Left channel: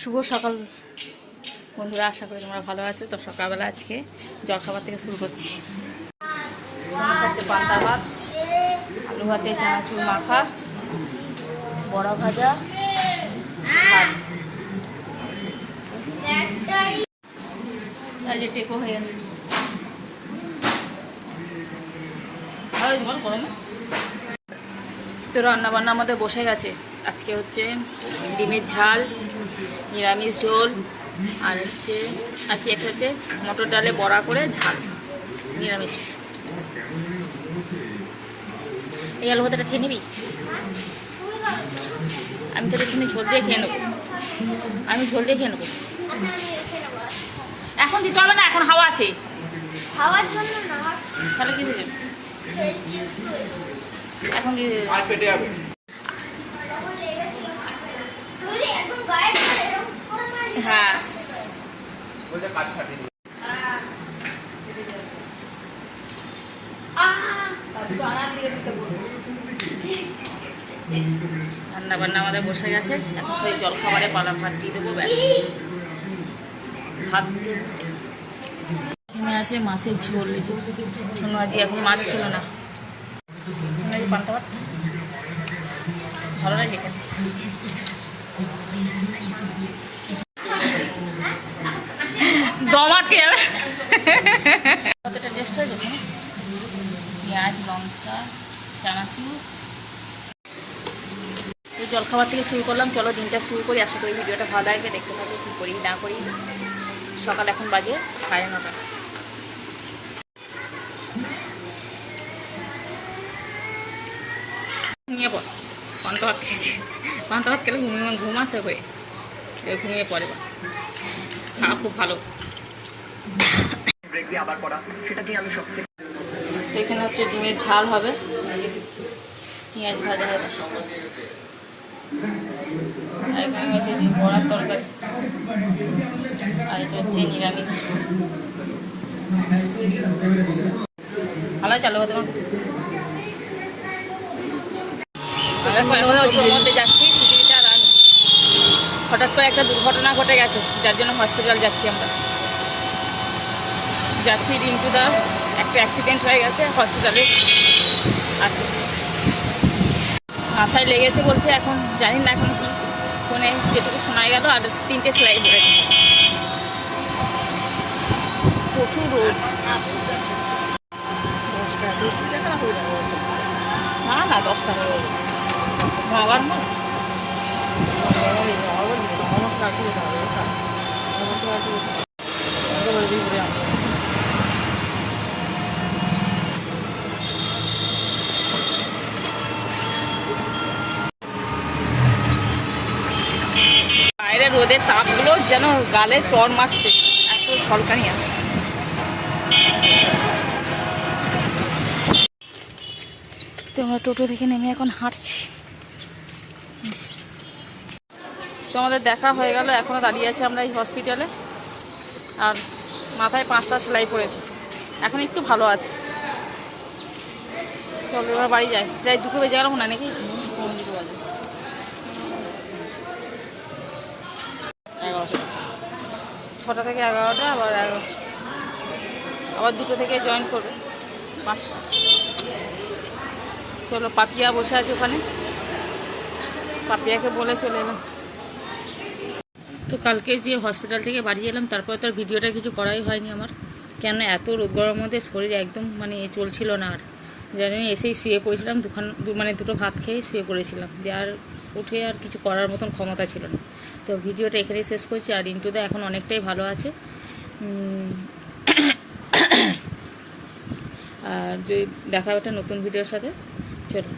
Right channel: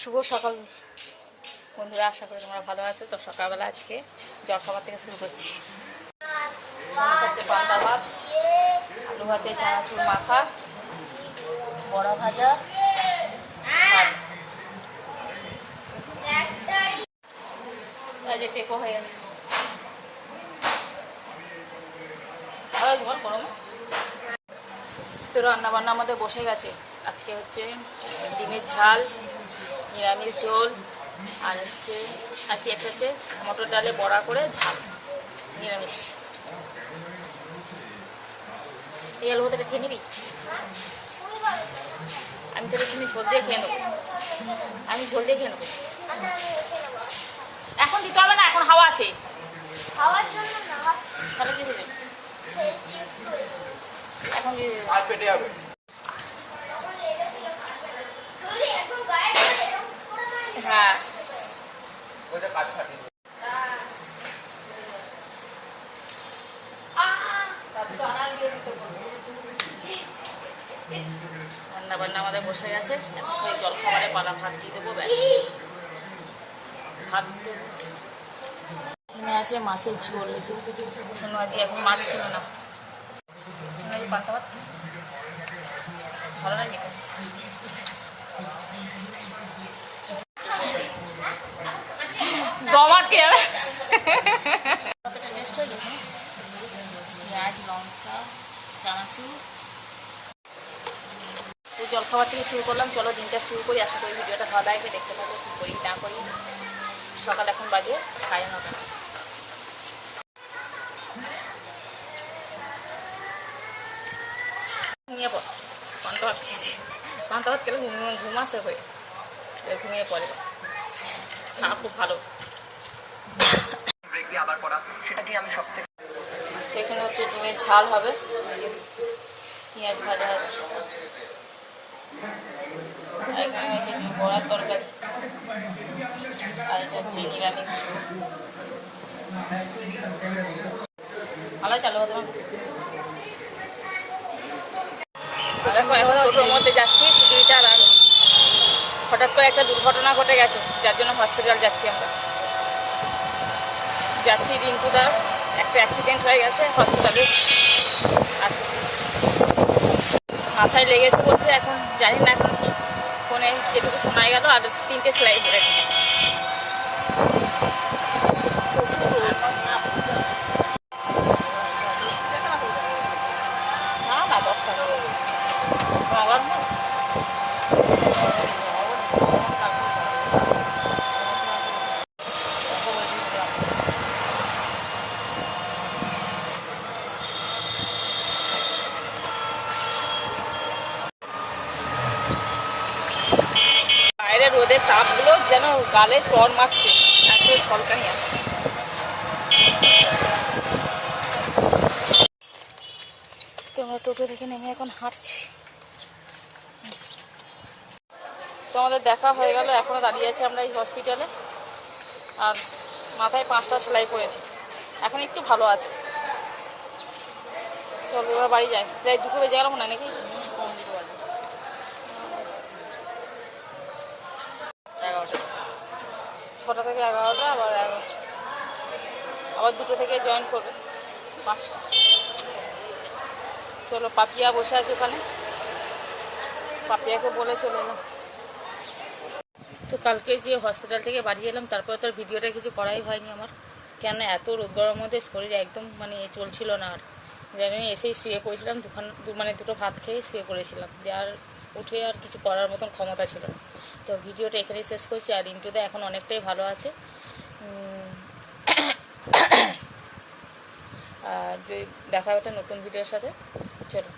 শুভ সকাল বন্ধুরা, আশা করি তোমরা ভালো আছো। তো সকালবেলা আজকে জলখাবার থেকে শুরু করছি। হচ্ছে পান্তা ভাত, আলু ভাতে চানাচুর মাখা, বড়া ভাজা, ভাত। যে টেকো হয়ে গেছে গরমে। তো রান্না বান্না আমাদের বসে গেছে। আজকে হচ্ছে ডিমের ঝাল, নিরামিষ ঝোল, আর হচ্ছে আর কি একটা হচ্ছে মটর ডালে বড়া করে ঝাল, নিরামিষ। এই আলু ভাতাটা খেয়ে নিবি? আমি তাহলে তুমি ঝোল দিয়ে খেয়ে নেবো। আমি ঝোল দিয়ে খেয়ে নেবো। এখন দিতে হবে না, এখন হাওয়া আছে। খাওয়ার জন্য না, তাহলে কি দেবে? এখন দিয়ে হ্যাঁ রান্না বান্না আমাদের বসে গেছে। এখন ওই জলখাবারে পালা ভাত দিয়ে দেবো। ব্যাস, ভাত দেবো। এখানে আছে মাছের ঝোল। শোনো, আজ এখন মাছ খেলো না। পান্তা ভাত ভালো লাগে। দম আটকে যাবে। কতটা টেস্ট হয়ে যাবে। পেঁয়াজ, লঙ্কা, চানাচুর। তো জলখাবার থেকে শুরু করলাম। চলো দিনটা শুরু করি। আশা করি ভিডিওটা ভালো লাগবে। দেখতে থাকো কী করি না করি। সকাল এখন বাজে 9:30। ঘুমিয়ে পড়। পান্তা ভাত খেয়েছি। পান্তা ভাত খেলে ঘুম আসে হয়ে ঘুমিয়ে পড়ে। খাওয়া খুব ভালো। এখানে হচ্ছে ডিমের ঝাল হবে, পেঁয়াজ ভাজা হচ্ছে, আর এখানে হচ্ছে বড়ার তরকারি, আর এটা হচ্ছে নিরামিষ। ভালো চালু হতে। তো দেখো, এখন ওর মধ্যে যাচ্ছি সিটিটা। আর হঠাৎ করে একটা দুর্ঘটনা ঘটে গেছে, যার জন্য হসপিটাল যাচ্ছি আমরা। যাচ্ছি রিঙ্কুদা, একটা অ্যাক্সিডেন্ট হয়ে গেছে, হসপিটালে আছে। মাথায় লেগেছে বলছে, এখন জানি না এখন কি। ফোনে যেটুকু শোনা গেল, আর 3টে সেলাই পড়েছে। প্রচুর রোদ। না 10 টাকা নগর মনে। বাইরে রোদের তাপগুলো যেন গালে চড় মারছে, এত ঝলকানি আছে। তো আমরা টোটো থেকে নেমে এখন হাঁটছি। তো আমাদের দেখা হয়ে গেল। এখনও দাঁড়িয়ে আছে আমরা এই হসপিটালে। আর মাথায় 5টা সেলাই পড়েছে, এখন একটু ভালো আছে। চলো এবার বাড়ি যাই। প্রায় 2টো বেজে গেল মনে নাকি। 11টা, 6টা থেকে 11টা, আবার 2টো থেকে জয়েন করবে 5টা। চলো, পাপিয়া বসে আছে ওখানে, পাপিয়াকে বলে চলে এলাম। তো কালকে যে হসপিটাল থেকে বাড়ি এলাম, তারপরে তো আর ভিডিওটা কিছু করাই হয়নি আমার। কেন এত রোদ গরমের মধ্যে শরীর একদম চলছিল না। আর যেন এসেই শুয়ে পড়েছিলাম, দুটো ভাত খেয়ে শুয়ে পড়েছিলাম। যে আর উঠে আর কিছু করার মতন ক্ষমতা ছিল না। তো ভিডিওটা এখানেই শেষ করছি। আর রিন্টুদা এখন অনেকটাই ভালো আছে। আর যদি দেখা একটা নতুন ভিডিওর সাথে। চলো।